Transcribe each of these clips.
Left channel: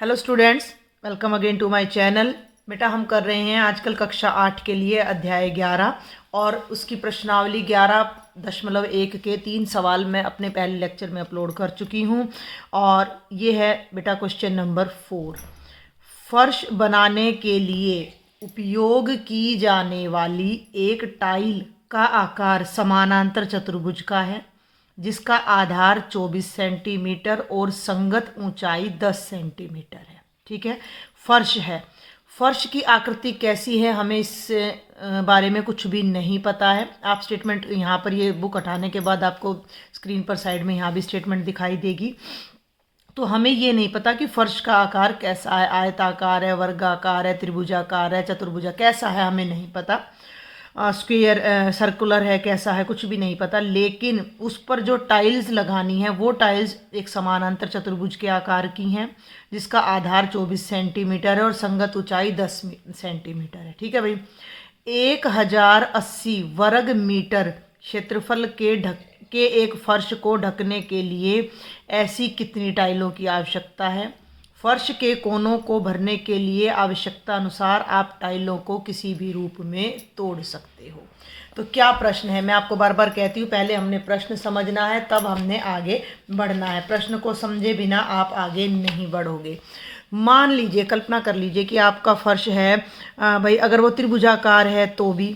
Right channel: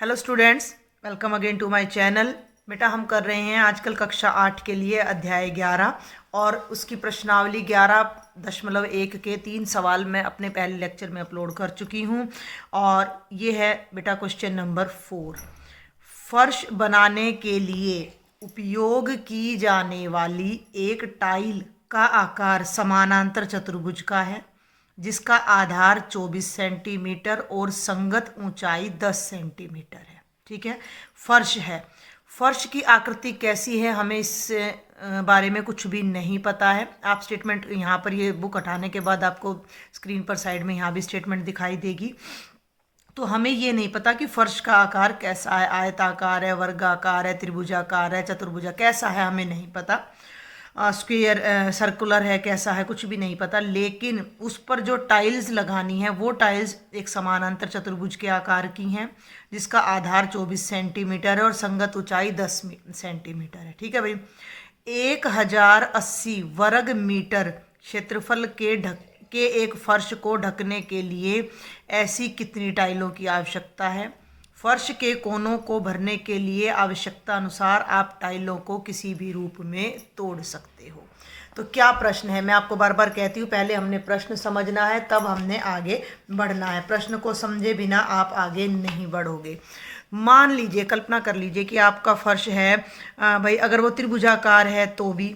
Hello students, welcome again to my channel. बेटा हम कर रहे हैं आजकल कक्षा 8 के लिए अध्याय 11 और उसकी प्रश्नावली 11.1 के 3 सवाल मैं अपने पहले लेक्चर में अपलोड कर चुकी हूँ। और ये है बेटा क्वेश्चन नंबर 4। फर्श बनाने के लिए उपयोग की जाने वाली एक टाइल का आकार समानांतर चतुर्भुज का है जिसका आधार 24 सेंटीमीटर और संगत ऊंचाई 10 सेंटीमीटर है। ठीक है, फर्श है। फर्श की आकृति कैसी है हमें इस बारे में कुछ भी नहीं पता है। आप स्टेटमेंट यहाँ पर ये बुक हटाने के बाद आपको स्क्रीन पर साइड में यहाँ भी स्टेटमेंट दिखाई देगी। तो हमें ये नहीं पता कि फर्श का आकार कैसा है, आयताकार है, वर्गाकार है, त्रिभुजाकार है, चतुर्भुजा कैसा है, हमें नहीं पता। स्क्वायर सर्कुलर है, कैसा है, कुछ भी नहीं पता। लेकिन उस पर जो टाइल्स लगानी है वो टाइल्स एक समानांतर चतुर्भुज के आकार की हैं जिसका आधार 24 सेंटीमीटर है और संगत ऊंचाई 10 सेंटीमीटर है। ठीक है भाई, 1080 वर्ग मीटर क्षेत्रफल के एक फर्श को ढकने के लिए ऐसी कितनी टाइलों की आवश्यकता है? फर्श के कोनों को भरने के लिए आवश्यकता अनुसार आप टाइलों को किसी भी रूप में तोड़ सकते हो। तो क्या प्रश्न है, मैं आपको बार बार कहती हूँ पहले हमने प्रश्न समझना है तब हमने आगे बढ़ना है। प्रश्न को समझे बिना आप आगे नहीं बढ़ोगे। मान लीजिए, कल्पना कर लीजिए कि आपका फर्श है भाई, अगर वो त्रिभुजाकार है तो भी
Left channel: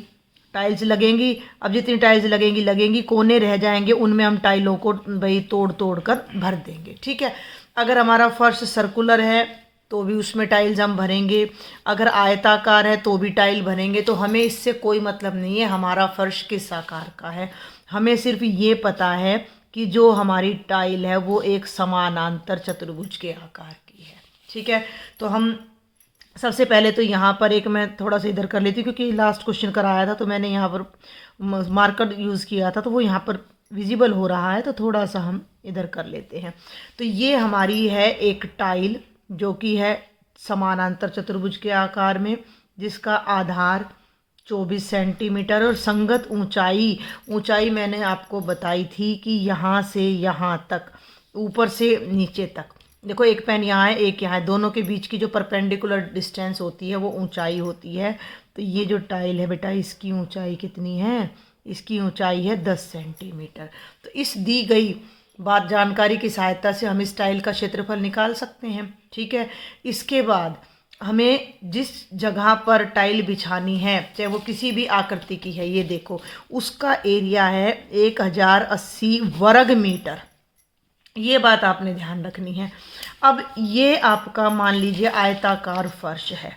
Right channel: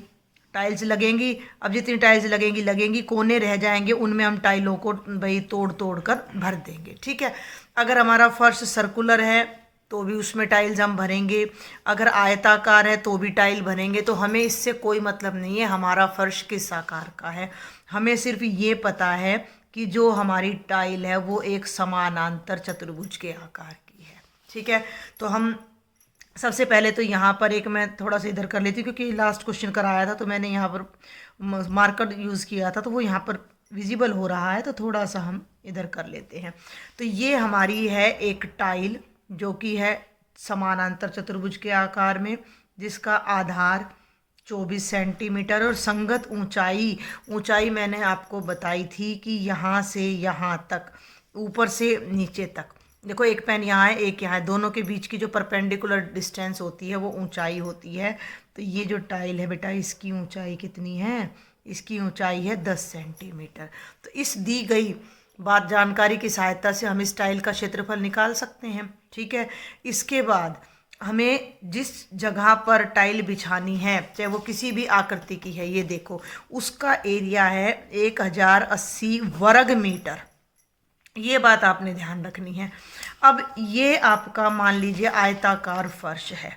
टाइल्स लगेंगी। अब जितनी टाइल्स लगेंगी कोने रह जाएंगे, उनमें हम टाइलों को भाई तोड़ तोड़ कर भर देंगे। ठीक है, अगर हमारा फर्श सर्कुलर है तो भी उसमें टाइल्स हम भरेंगे, अगर आयताकार है तो भी टाइल भरेंगे। तो हमें इससे कोई मतलब नहीं है हमारा फर्श किस आकार का है। हमें सिर्फ ये पता है कि जो हमारी टाइल है वो एक समानांतर चतुर्भुज के आकार की है। ठीक है, तो हम सबसे पहले तो यहाँ पर एक मैं थोड़ा सा इधर कर लेती हूँ क्योंकि लास्ट क्वेश्चन कराया था तो मैंने यहाँ पर मार्कर यूज़ किया था तो वो यहाँ पर विजिबल हो रहा है, तो थोड़ा सा हम इधर कर लेते हैं। तो ये हमारी है एक टाइल जो कि है समानांतर चतुर्भुज के आकार में जिसका आधार 24 सेंटीमीटर और संगत ऊंचाई मैंने आपको बताई थी कि यहाँ से यहाँ तक, ऊपर से नीचे तक। देखो एक पेन यहाँ है, एक यहाँ है, दोनों के बीच की जो परपेंडिकुलर डिस्टेंस होती है वो ऊंचाई होती है। तो ये जो टाइल है बेटा इसकी ऊंचाई कितनी है? इसकी ऊंचाई है 10 सेंटीमीटर। तो इस दी गई बात जानकारी की सहायता से हम इस टाइल का क्षेत्रफल निकाल सकते हैं। ठीक है, इसके बाद हमें जिस जगह पर टाइल बिछानी है चाहे वो किसी भी आकृति की है, ये देखो उसका एरिया है 1080 वर्ग मीटर। ये बात आपने ध्यान रखनी है। अब ये आपका मान लीजिए आयताकार फर्श है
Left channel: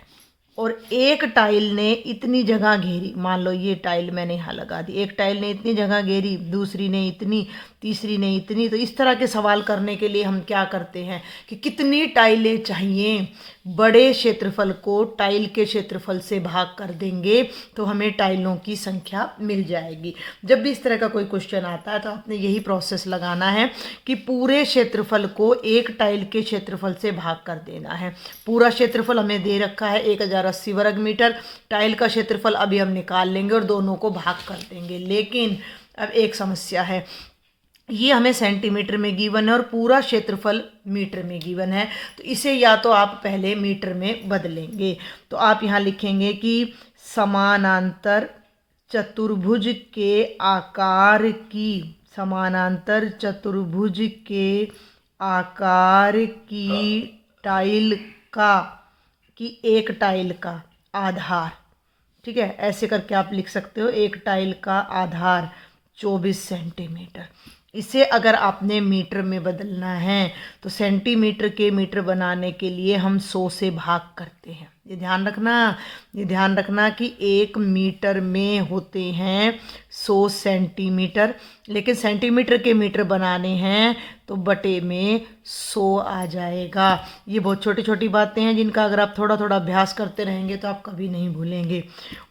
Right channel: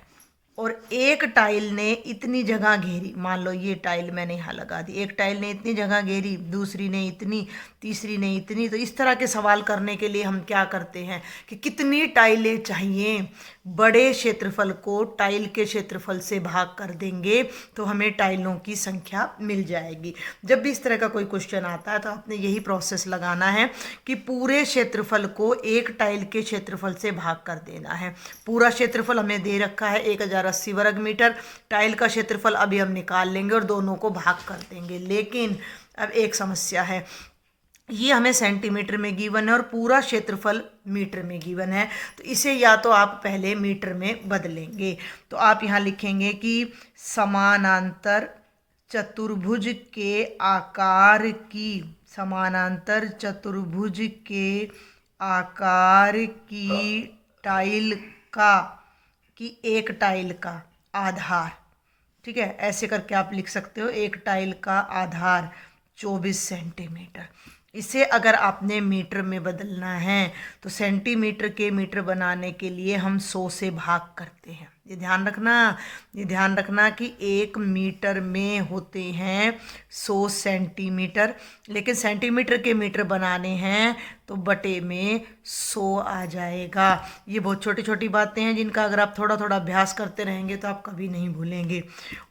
और एक टाइल ने इतनी जगह घेरी, मान लो ये टाइल मैंने यहाँ लगा दी, एक टाइल ने इतनी जगह घेरी, दूसरी ने इतनी, तीसरी ने इतनी। तो इस तरह के सवाल करने के लिए हम क्या करते हैं कि कितनी टाइलें चाहिए, बड़े क्षेत्रफल को टाइल के क्षेत्रफल से भाग कर देंगे तो हमें टाइलों की संख्या मिल जाएगी। जब भी इस तरह का कोई क्वेश्चन आता है तो आपने यही प्रोसेस लगाना है कि पूरे क्षेत्रफल को एक टाइल के क्षेत्रफल से भाग कर देना है। पूरा क्षेत्रफल हमें दे रखा है 1080 वर्ग मीटर, टाइल का क्षेत्रफल अभी हम निकाल लेंगे और दोनों को भाग कर देंगे। लेकिन अब एक समस्या है, ये हमें सेंटीमीटर में गिवन है और पूरा क्षेत्रफल मीटर में गिवन है। तो इसे या तो आप पहले मीटर में बदलेंगे, तो आप यहाँ लिखेंगे कि समानांतर चतुर्भुज के आकार की, समानांतर चतुर्भुज के आकार की टाइल का, कि एक टाइल का आधार, ठीक है ऐसे करके आप लिख सकते हो, एक टाइल का आधार 24 सेंटीमीटर। इसे अगर आपने मीटर में बदलना है तो सेंटीमीटर के मीटर बनाने के लिए हम 100 से भाग करते हैं। ये ध्यान रखना कि एक मीटर में होते हैं 100 सेंटीमीटर, लेकिन सेंटीमीटर के मीटर बनाने हैं तो बटे में 100 आ जाएगा। ये बहुत छोटी छोटी बातें हैं जिनका अगर आप थोड़ा थोड़ा अभ्यास करते रहेंगे तो आप कभी नहीं भूलेंगे।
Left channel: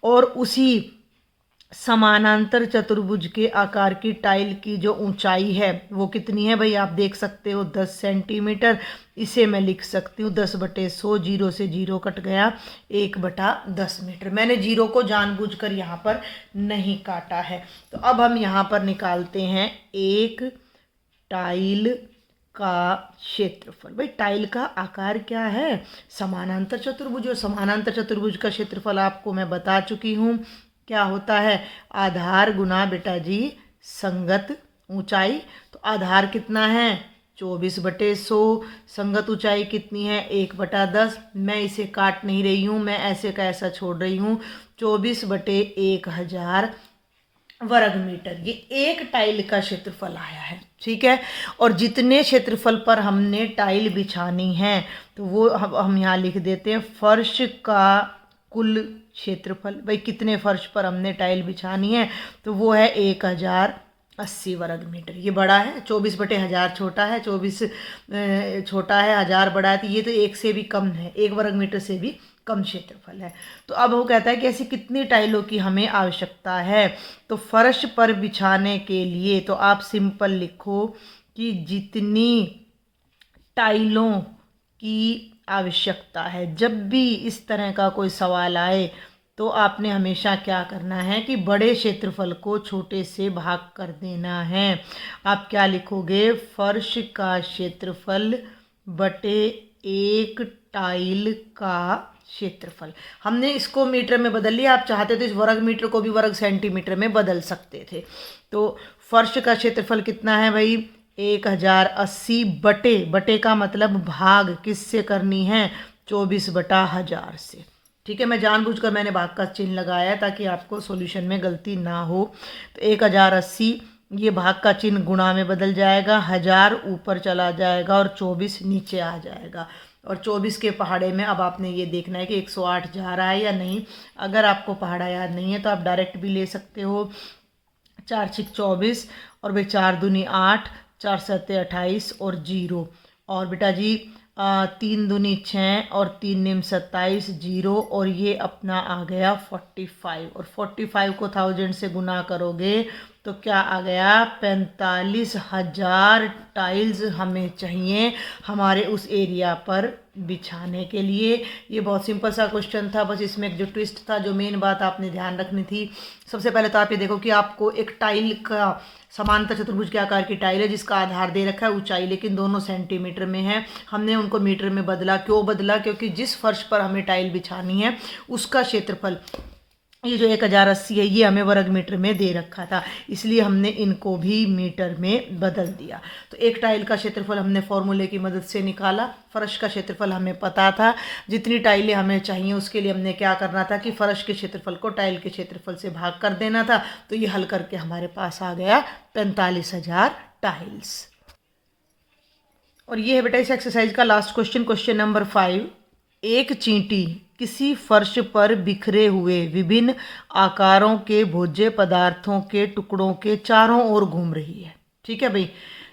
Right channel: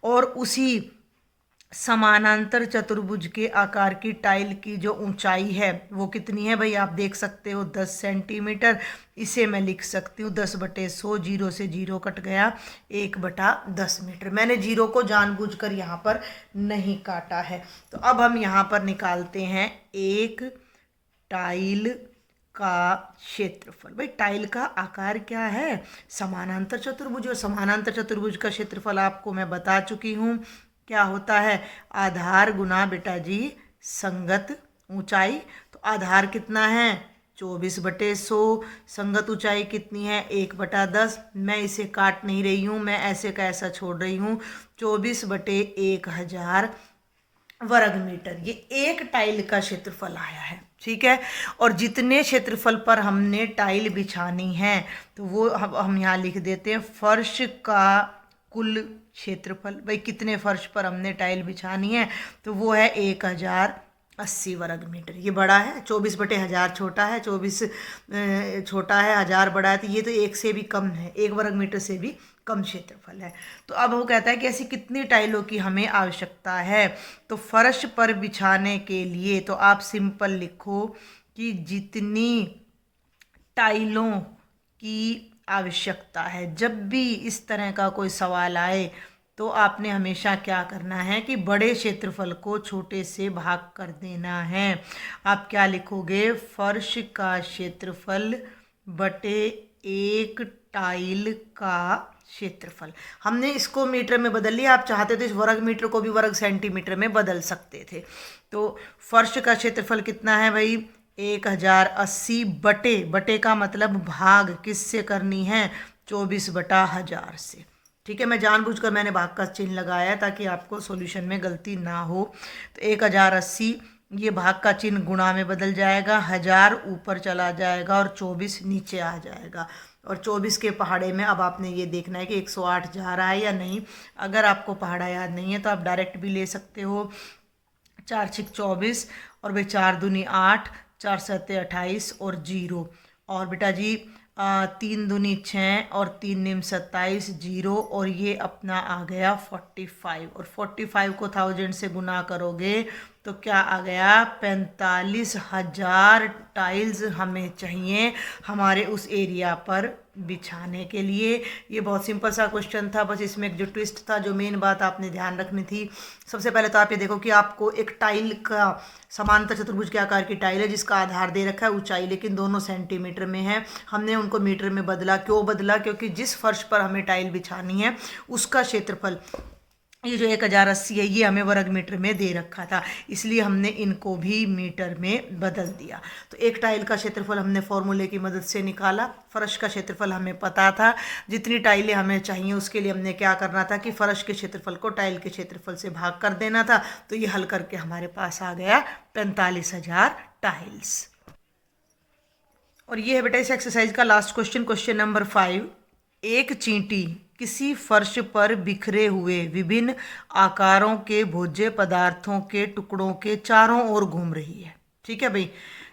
और उसी समानांतर चतुर्भुज के आकार की टाइल की जो ऊंचाई है वो कितनी है भाई, आप देख सकते हो 10 सेंटीमीटर। इसे मैं लिख सकती हूँ 10/100, जीरो से जीरो कट गया, 1/10 मीटर। मैंने जीरो को जानबूझकर यहाँ पर नहीं काटा है। तो अब हम यहाँ पर निकालते हैं एक टाइल का क्षेत्रफल। भाई टाइल का आकार क्या है? समानांतर चतुर्भुज, और समानांतर चतुर्भुज का क्षेत्रफल आपको मैं बता चुकी हूँ क्या होता है, आधार गुना बेटा जी संगत ऊंचाई। तो आधार कितना है? 24/100। संगत ऊंचाई कितनी है? 1/10। मैं इसे काट नहीं रही हूँ, मैं ऐसे का ऐसा छोड़ रही हूँ। 24/1000 वर्ग मीटर ये एक टाइल का क्षेत्रफल आया है। ठीक है, और जितने क्षेत्रफल पर हमने टाइल बिछानी है तो वो हम यहाँ लिख देते हैं फर्श का कुल क्षेत्रफल। भाई कितने फर्श पर हमने टाइल बिछानी है तो वो है 1080 वर्ग मीटर। ये बड़ा है, 24/1000 छोटा है, 24 छोटा है, 1000 बड़ा है, तो ये तो एक से भी कम है, 1 वर्ग मीटर से भी कम क्षेत्रफल है। तो अब वो कहता है कि ऐसी कितनी टाइलों की हमें आवश्यकता है। तो फर्श पर बिछाने के लिए तो आप सिंपल लिखो कि जितनी टाइलों की आवश्यकता है। जब भी इस तरह का कोई सवाल आए तो आपने हमेशा क्या करना है कि बड़े क्षेत्रफल को छोटे से भाग कर देना है। आप क्या लिखोगे? फर्श का क्षेत्रफल बटे एक टाइल का क्षेत्रफल। हमने इसको मीटर में बदल लिया, आप चाहते तो इस वर्ग मीटर को भी वर्ग सेंटीमीटर में बदल सकते थे। तो फर्श का क्षेत्रफल कितना है भाई? 1080 बटे, बटे का मतलब भाग किससे करनी है? 24/1000 से। ठीक है, मैं जानबूझकर मैंने भाग का चिन्ह लगाया ताकि आपको सॉल्यूशन में गलती ना हो। तो 1080 ये भाग का चिन्ह गुणा में बदल जाएगा, 1000 ऊपर चला जाएगा और 24 नीचे आ जाएगा। और 24 के पहाड़े में अब आपने ये देखना है कि 108 जा रहा है या नहीं। अगर आपको पहाड़ा याद नहीं है तो आप डायरेक्ट भी ले सकते हो। 4 × 24 और भाई 4 दूनी 8, 4 7 28 और 0। और बेटा जी 3 दूनी 6 और 3 निम 27, 0 और ये अपना आ गया 45। और 45 को 1000 से गुना करोगे तो क्या आ गया? 45,000 टाइल्स हमें चाहिए हमारे उस एरिया पर बिछाने के लिए। ये बहुत सिंपल सा क्वेश्चन था, बस इसमें एक जो ट्विस्ट था, जो मेन बात आपने ध्यान रखनी थी। सबसे पहले तो आप ये देखो कि आपको एक टाइल का समांतर चतुर्भुज के आकार की टाइल है जिसका आधार दे रखा है ऊंचाई, लेकिन दोनों सेंटीमीटर में है। हमने उनको मीटर में बदला। क्यों बदला? क्योंकि जिस फर्श पर हमें टाइल बिछानी है उसका क्षेत्रफल ये जो 1080 है ये हमें वर्ग मीटर में दे रखा था, इसलिए हमने इनको भी मीटर में बदल दिया। तो एक टाइल का क्षेत्रफल हमने फॉर्मूले की मदद से निकाला। फर्श का क्षेत्रफल हमें पता था, जितनी टाइलें हमें चाहिए उसके लिए हमने क्या करना था कि फर्श के क्षेत्रफल को टाइल के क्षेत्रफल से भाग कर देना था। तो ये हल करके हमारे पास आ गया 45,000 टाइल्स। और ये है बेटा इस एक्सरसाइज का लास्ट क्वेश्चन, क्वेश्चन नंबर 5। एक चींटी किसी फर्श पर बिखरे हुए विभिन्न आकारों के भोज्य पदार्थों के टुकड़ों के चारों ओर घूम रही है। ठीक है भाई,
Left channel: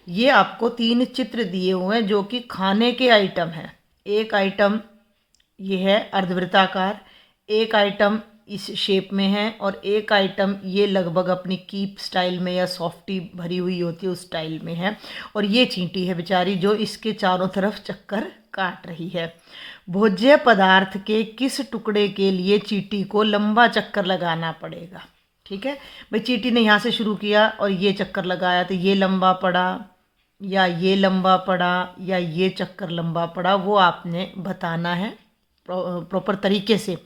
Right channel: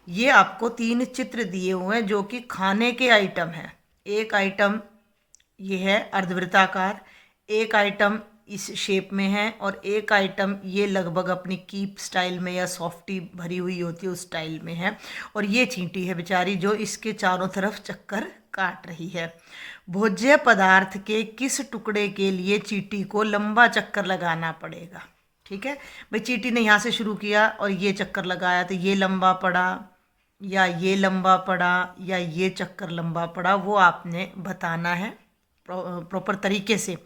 ये आपको 3 चित्र दिए हुए हैं जो कि खाने के आइटम हैं। एक आइटम ये है अर्धवृत्ताकार, एक आइटम इस शेप में है और एक आइटम ये लगभग अपनी कीप स्टाइल में या सॉफ्टी भरी हुई होती है उस स्टाइल में है। और ये चींटी है बेचारी जो इसके चारों तरफ चक्कर काट रही है। भोज्य पदार्थ के किस टुकड़े के लिए चींटी को लंबा चक्कर लगाना पड़ेगा? ठीक है भाई, चींटी ने यहाँ से शुरू किया और ये चक्कर लगाया तो ये लंबा पड़ा या ये लंबा पड़ा या ये चक्कर लंबा पड़ा, वो आपने बताना है प्रॉपर तरीके से।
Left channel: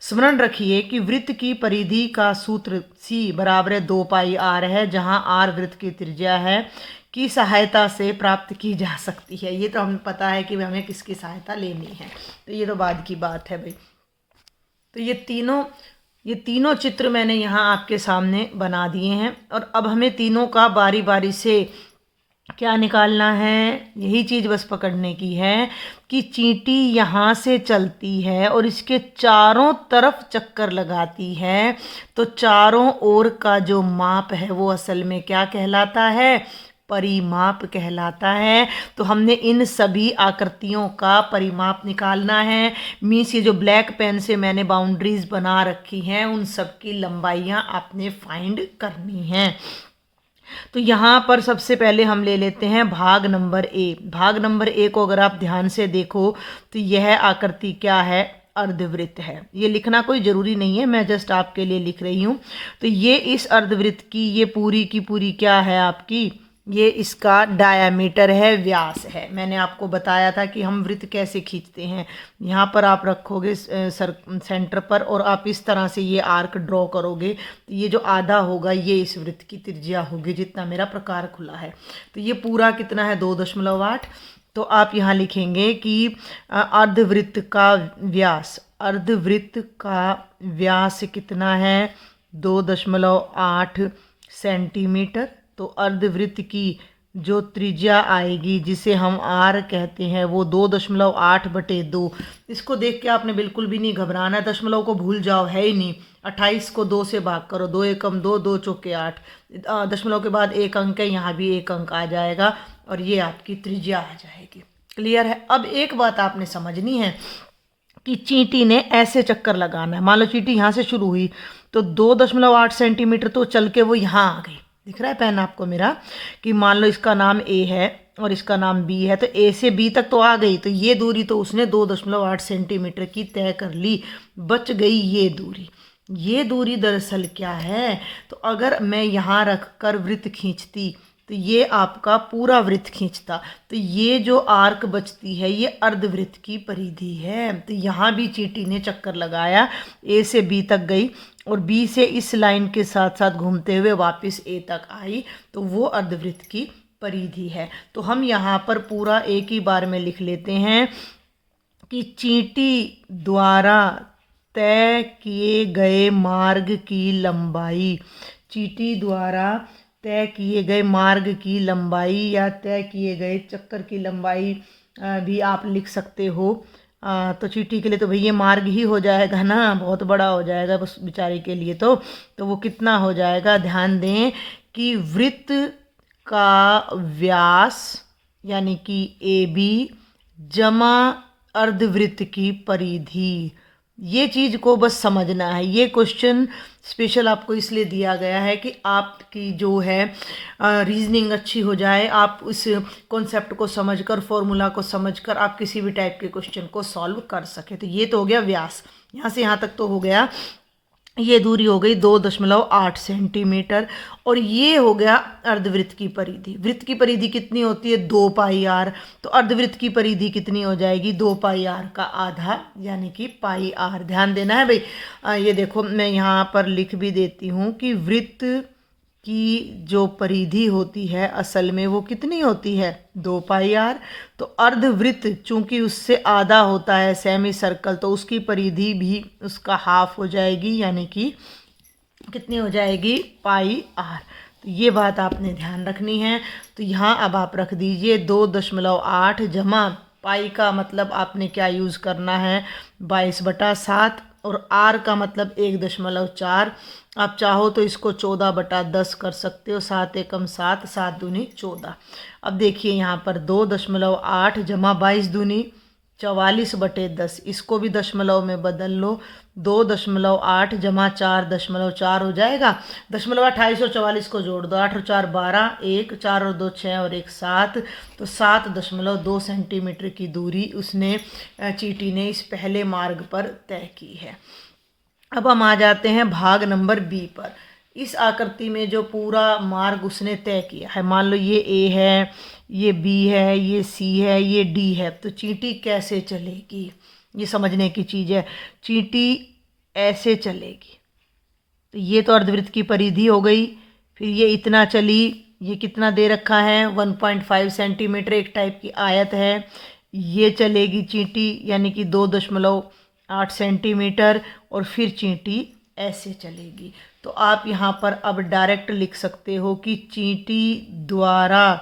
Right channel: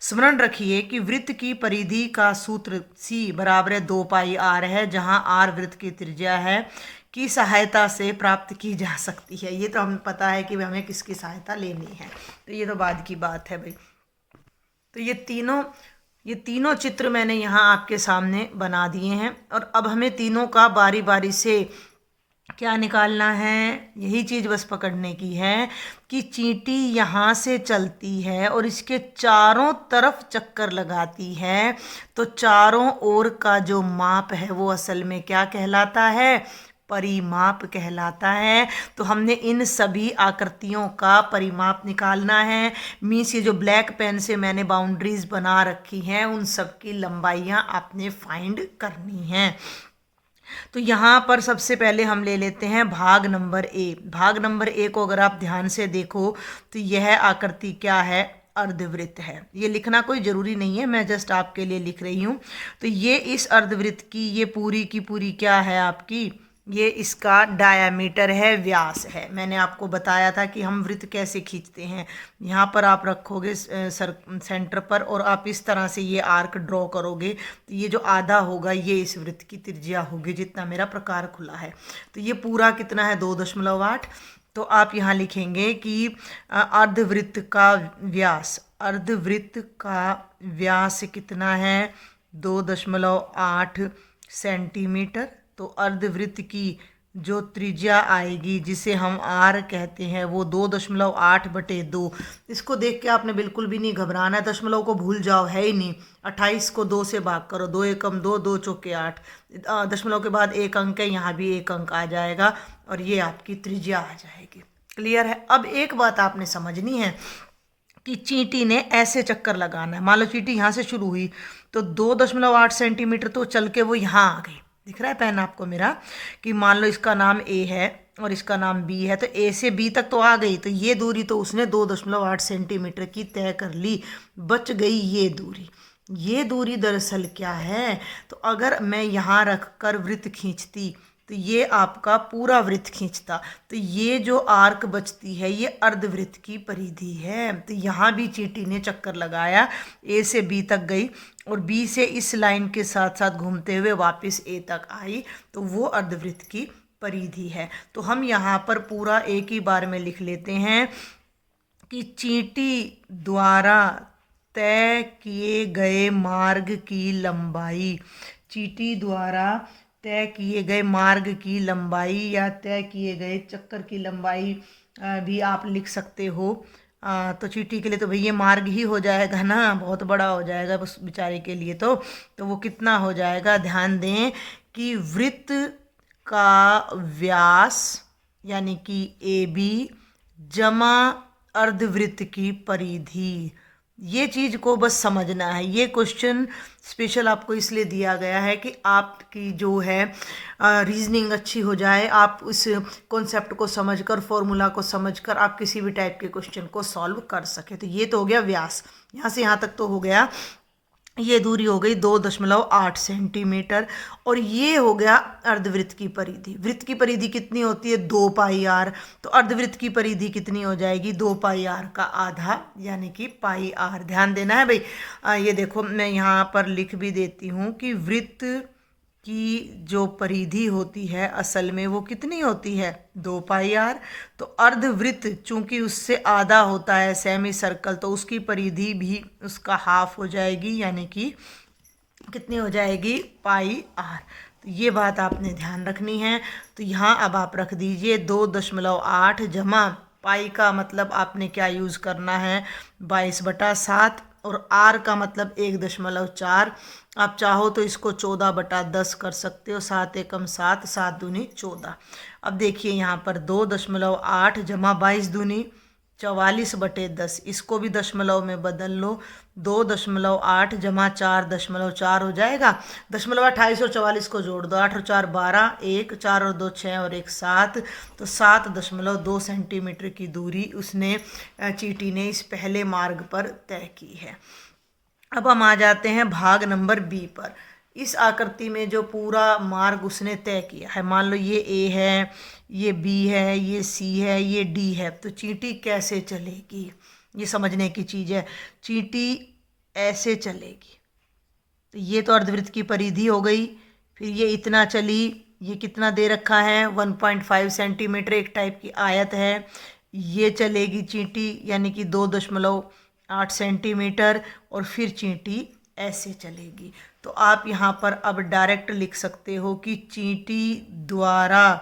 स्मरण रखिए कि वृत्त की परिधि का सूत्र C = 2πr है, जहाँ r वृत्त की त्रिज्या है की सहायता से प्राप्त की जा सकती है। ये तो हमें पता है कि हमें किसकी सहायता लेनी है, तो ये तो बाद की बात है भाई। तो ये तीनों चित्र मैंने यहाँ आपके सामने बना दिए हैं और अब हमें तीनों का बारी बारी से क्या निकालना है, यही चीज़ बस पकड़ने की है कि चींटी यहाँ से चलती है और इसके चारों तरफ चक्कर लगाती है, तो चारों ओर का जो माप है वो असल में क्या कहलाता है? परिमाप कहलाता है। तो हमने इन सभी आकृतियों का परिमाप निकालना है। मीन्स ये जो ब्लैक पेन से मैंने बाउंड्रीज बना रखी हैं उन सब की लंबाइयाँ आपने फाइंड करनी हैं। तो यहाँ पर सबसे पहले हम ले लेते हैं भाग नंबर ए। भाग नंबर ए को अगर आप ध्यान से देखो तो यह आकृति क्या है? अर्धवृत्त है। ये लिखना कोई ज़रूरी नहीं है, मैं जस्ट आपके लिए लिख रही हूँ। तो ये इस अर्धवृत्त की ये पूरी की पूरी क्या है? आपकी ये इसका डायामीटर है, व्यास है। मैंने आपको बताया था कि हम वृत्त कैसे खींचते हैं। यहाँ पर आप रखोगे सेंटर पर और आप इस तरह से ये आर्क ड्रॉ करोगे, तो ये जो आधा होगा ये इस वृत्त की त्रिज्या होगी, जितना मेरा प्रकार खुला है। तो ये पूरा कितना है, 2.8। तो आप यहाँ लिखेंगे कि अर्धवृत्त का व्यास, अर्धवृत्त का व्यास कितना है, 2.8 सेंटीमीटर। तो अर्धवृत्त की जो त्रिज्या आएगी, जिसे हम आर कहते हैं, वो 2.8/2। इसको देख के आपने बिल्कुल भी नहीं घबराना है, दशमलव को भूल जाओ, है ही नहीं। 28 को 2 से भाग करो, 2 एकम 2, 2 चौके 8, दशमलव के बाद एक अंक है, यहाँ भी एक अंक आ जाएगा और ये आपकी त्रिज्या आ जाएगी। क्लियर है। अब एक बात आपने समझनी है कि चींटी ने ऐसे चक्कर लगाना है। मान लो चींटी यहाँ से शुरू हुई तो 2.8 सेंटीमीटर तो चल के वो यहाँ आ गई। दिख रहा है पेन आपको मेरा, कि मान लो इसका नाम ए है और इसका नाम बी है, तो ए से बी तक तो आ गई, तो ये दूरी तो उसने 2.8 सेंटीमीटर की तय कर ली, बच गई ये दूरी। ये दूरी दरअसल क्या है, तो अगर मैं यहाँ रख कर वृत्त खींचती तो ये आपका पूरा वृत्त खींचता, तो ये जो आर्क बचती है ये अर्धवृत्त की परिधि है। तो यहाँ भी चींटी ने चक्कर लगाया, ए से बी तक गई और बी से इस लाइन के साथ साथ घूमते हुए वापस ए तक आई, तो वो अर्धवृत्त की परिधि है। तो हम यहाँ पर पूरा एक ही बार में लिख लेते हैं कि चींटी द्वारा तय किए गए मार्ग की लंबाई, चींटी द्वारा तय किए गए मार्ग की लंबाई या तय किए गए चक्कर की लंबाई भी आप लिख सकते हो। तो चींटी के लिए तो भैया मार्ग ही हो जाएगा ना, बहुत बड़ा हो जाएगा बस बेचारे के लिए। तो वो कितना हो जाएगा, ध्यान दें कि वृत्त का व्यास यानी कि ए बी जमा अर्धवृत्त की परिधि, ये चीज़ को बस समझना है। ये क्वेश्चन स्पेशल आपको इसलिए दिया गया है कि आपकी जो है रीजनिंग अच्छी हो जाए, आप उस कॉन्सेप्ट को समझकर, फॉर्मूला को समझकर आप किसी भी टाइप के क्वेश्चन को सॉल्व कर सके। तो ये तो हो गया व्यास, यहाँ से यहाँ तक तो हो गया, ये दूरी हो गई 2.8 सेंटीमीटर। और ये हो गया अर्धवृत्त की परिधि। वृत्त की परिधि कितनी होती है, 2 पाई आर। तो अर्धवृत्त की परिधि कितनी हो जाएगी, 2 पाई आर का आधा यानी कि पाई आर। ध्यान देना है भाई। ये देखो मैं यहाँ पर लिख भी देती हूँ कि वृत्त की जो परिधि होती है असल में वो कितनी होती है, 2 पाई आर। तो अर्धवृत्त चूंकि उससे आधा होता है सेमी सर्कल, तो उसकी परिधि भी उसका हाफ हो जाएगी, यानी कि कितनी हो जाएगी, पाई आर। तो ये बात आपने ध्यान रखनी है। तो यहाँ अब आप रख दीजिए 2.8 जमा पाई का मतलब आपने क्या यूज़ करना है, 22/7, और आर का मतलब 1.4। आप चाहो तो इसको 14/10 कर सकते हो, 7 एकम 7, 7 दूनी 14। अब देखिए यहाँ पर 2.8 जमा 22 दूनी 44/10, इसको भी दशमलव में बदल लो, 2.8 जमा 4.4 हो जाएगा। दशमलव 28 और 44 को जोड़ दो, 8 और 4 12, 1 4 और 2 6 और 1 7, तो 7.2 सेंटीमीटर की दूरी उसने चींटी ने इस पहले मार्ग पर तय की है। अब हम आ जाते हैं भाग नंबर बी पर। इस आकृति में जो पूरा मार्ग उसने तय किया है, मान लो ये ए है, ये बी है, ये सी है, ये डी है, तो चींटी कैसे चलेगी, ये समझने की चीज़ है। चींटी ऐसे चलेगी, तो ये तो अर्धवृत्त की परिधि हो गई। फिर ये इतना चली, ये कितना दे रखा है, 1.5 सेंटीमीटर, एक टाइप की आयत है। ये चलेगी चींटी यानी कि 2.8 सेंटीमीटर, और फिर चींटी ऐसे चलेगी। तो आप यहाँ पर अब डायरेक्ट लिख सकते हो कि चींटी द्वारा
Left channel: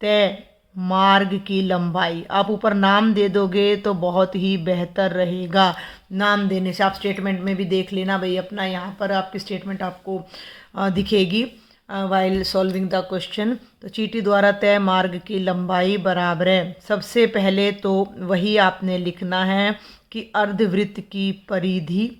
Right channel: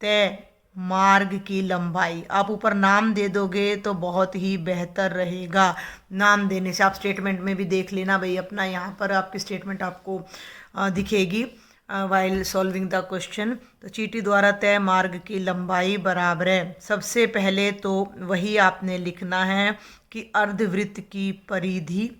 तय मार्ग की लंबाई। आप ऊपर नाम दे दोगे तो बहुत ही बेहतर रहेगा। नाम देने से आप स्टेटमेंट में भी देख लेना भाई अपना, यहाँ पर आपकी स्टेटमेंट आपको दिखेगी वाइल सॉल्विंग द क्वेश्चन। तो चींटी द्वारा तय मार्ग की लंबाई बराबर है, सबसे पहले तो वही आपने लिखना है कि अर्धवृत्त की परिधि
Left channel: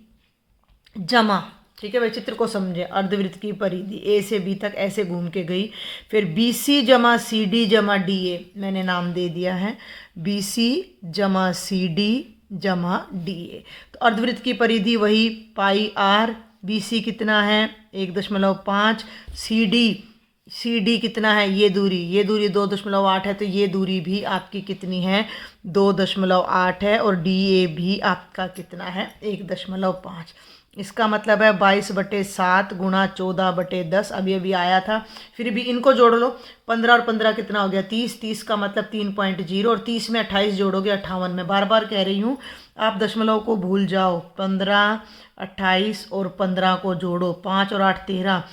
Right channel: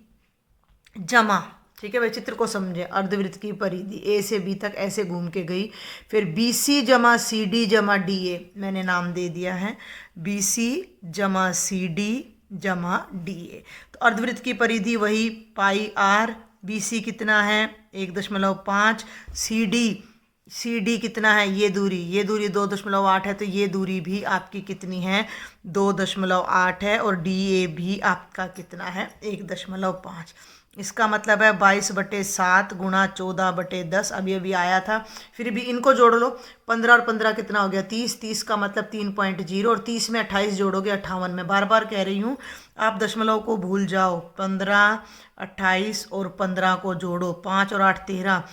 जमा, ठीक है भाई, चित्र को समझे, अर्धवृत्त की परिधि ए से बी तक ऐसे घूम के गई, फिर बी सी जमा सी डी जमा डी ए, मैंने नाम दे दिया है बी सी जमा सी डी जमा डी ए। तो अर्धवृत्त की परिधि वही पाई आर, बी सी कितना है 1.5, सी डी सी डी कितना है, ये दूरी 2.8 है, तो ये दूरी भी आपकी कितनी है, 2.8 है। और डी ए भी आपका कितना है, 1.5। इसका मतलब है 22/7 गुणा 14/10, अभी अभी आया था। फिर भी इनको जोड़ लो, 15 और 15 कितना हो गया, 30। 30 का मतलब 3.0, और 30 में 28 जोड़ोगे 58 में। बार बार कह रही हूँ आप दशमलव को भूल जाओ। 15, 28 और 15 को जोड़ो, 5 और 8 13,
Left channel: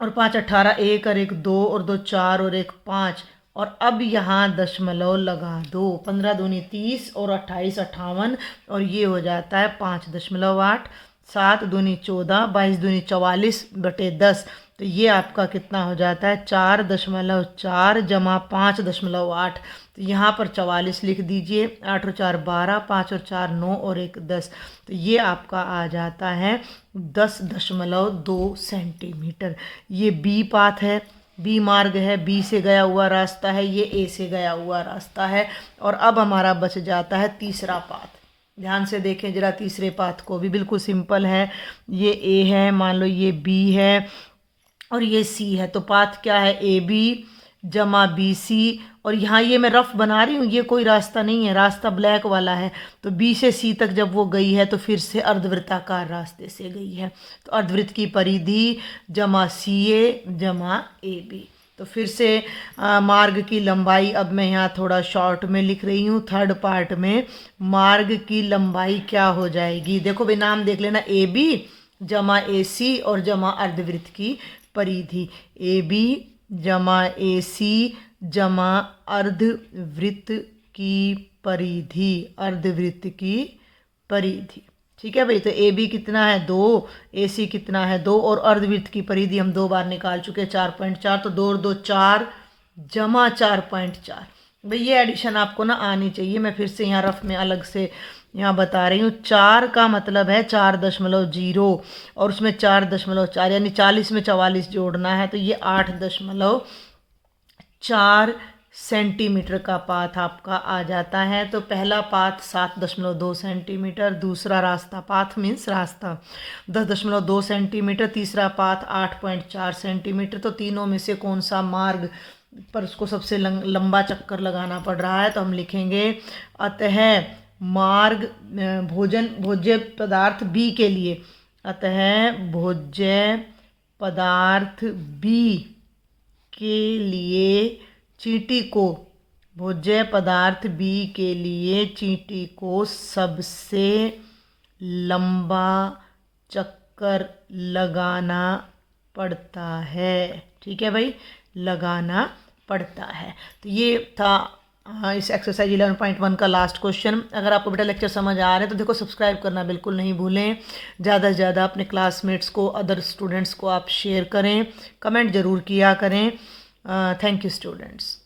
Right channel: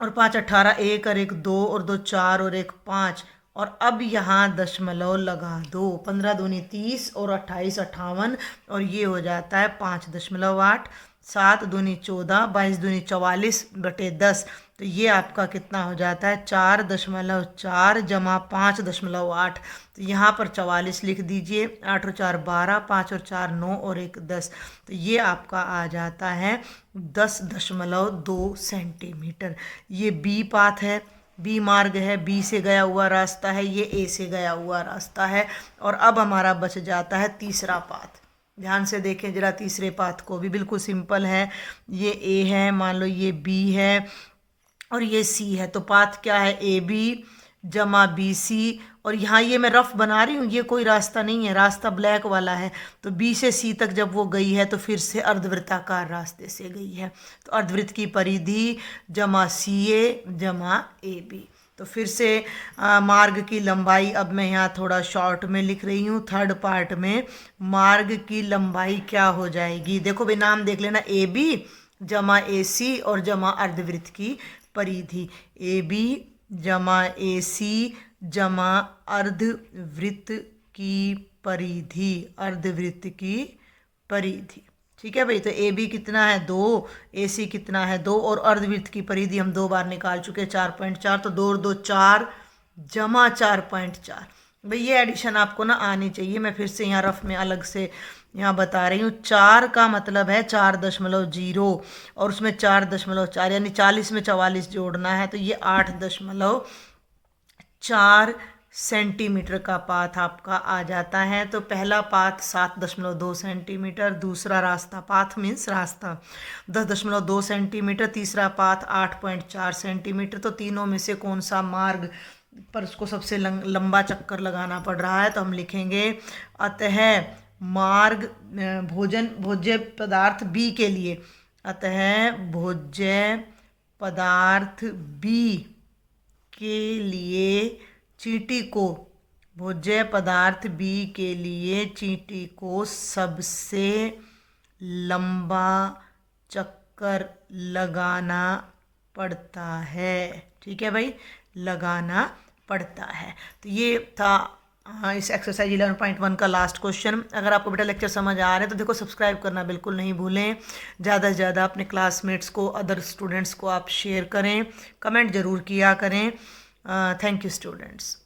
और 5 18, 1 और 1 2, और 2 4, और 1 5। और अब यहाँ दशमलव लगा दो, 15 दूनी 30 और 28 58, और ये हो जाता है 5.8। 7 दूनी 14, 22 दूनी 44/10, तो ये आपका कितना हो जाता है, 4.4 जमा 5.8। तो यहाँ पर 44 लिख दीजिए। 8 और 4 12, 5 और 4 9, और 1 10, तो ये आपका आ जाता है 10.2 सेंटीमीटर। ये बी पाथ है, बी मार्ग है, बी से गया हुआ रास्ता है, ये ए से गया हुआ रास्ता है। और अब हमारा बच जाता है तीसरा पाथ। ध्यान से देखें जरा तीसरे पाथ को भी, बिल्कुल सिंपल है। ये ए है, मान लो ये बी है, और ये सी है। तो पाथ क्या है, ए बी जमा बी सी। और यहाँ ये मैं रफ बना रही हूँ, ये कोई रास्ता नहीं है, रास्ता ब्लैक वाला है। तो बी से सी तक जब वो गई है तो फिर से अर्धवृत्ताकार रास्ते से गई है। तो अर्धवृत्त की परिधि जमा सी ए जमा ए बी। तो फिर से मार्ग की लंबाई, अब मैं यहाँ थोड़ा शॉर्ट में लिख रही हूँ। थर्ड पार्ट में मार्ग की लंबाई क्या हो जाएगी, देखो भाई नाम देख लेना, ए बी जमा ए सी और जमा अर्धवृत्त की परिधि। ए बी जमा ए सी जमा अर्धवृत्त की परिधि, अर्धवृत्त की परिधि। ठीक है भाई, तो ए बी कितना है 2, ए सी कितना है 2, और अर्धवृत्त की परिधि हम 2 बार निकाल चुके 4.4। तो 2 और 2 4 जमा 4.4। भाई ये एडिशन आपको ना आनी चाहिए। मैं फिर से यहाँ रफ में अलग से यहाँ बता रही हूँ। 4 का मतलब है 4.0, और उसमें 4.4 यानी 40 में 44 जोड़ना है, तो ये 8.4 सेंटीमीटर का पाथ आपका आ जाता है। तो पहला पाथ 7.2 सेंटीमीटर, दूसरा रास्ता, पाथ मीन्स रास्ता, 10.2 सेंटीमीटर, तीसरा पाथ 8.4 सेंटीमीटर। तो तीनों में से कौन सा मार्ग पर उसको सबसे लंबा चक्कर लगाना पड़ रहा है, तो हम लिखेंगे अतः मार्ग भोज्य पदार्थ बी के लिए, अतः भोज्य पदार्थ बी के लिए चींटी को, भोज्य पदार्थ बी के लिए चींटी को सबसे लंबा चक्कर लगाना पड़ता है। ठीक है भाई, लगाना पड़ता है। तो ये था इस एक्सरसाइज 11.1 का लास्ट क्वेश्चन। अगर आपको बेटा लेक्चर समझ आ रहा है तो देखो सब्सक्राइब करना बिल्कुल नहीं भूलें। ज़्यादा से ज़्यादा अपने क्लासमेट्स को, अदर स्टूडेंट्स को आप शेयर करें, कमेंट ज़रूर किया करें। Thank you students.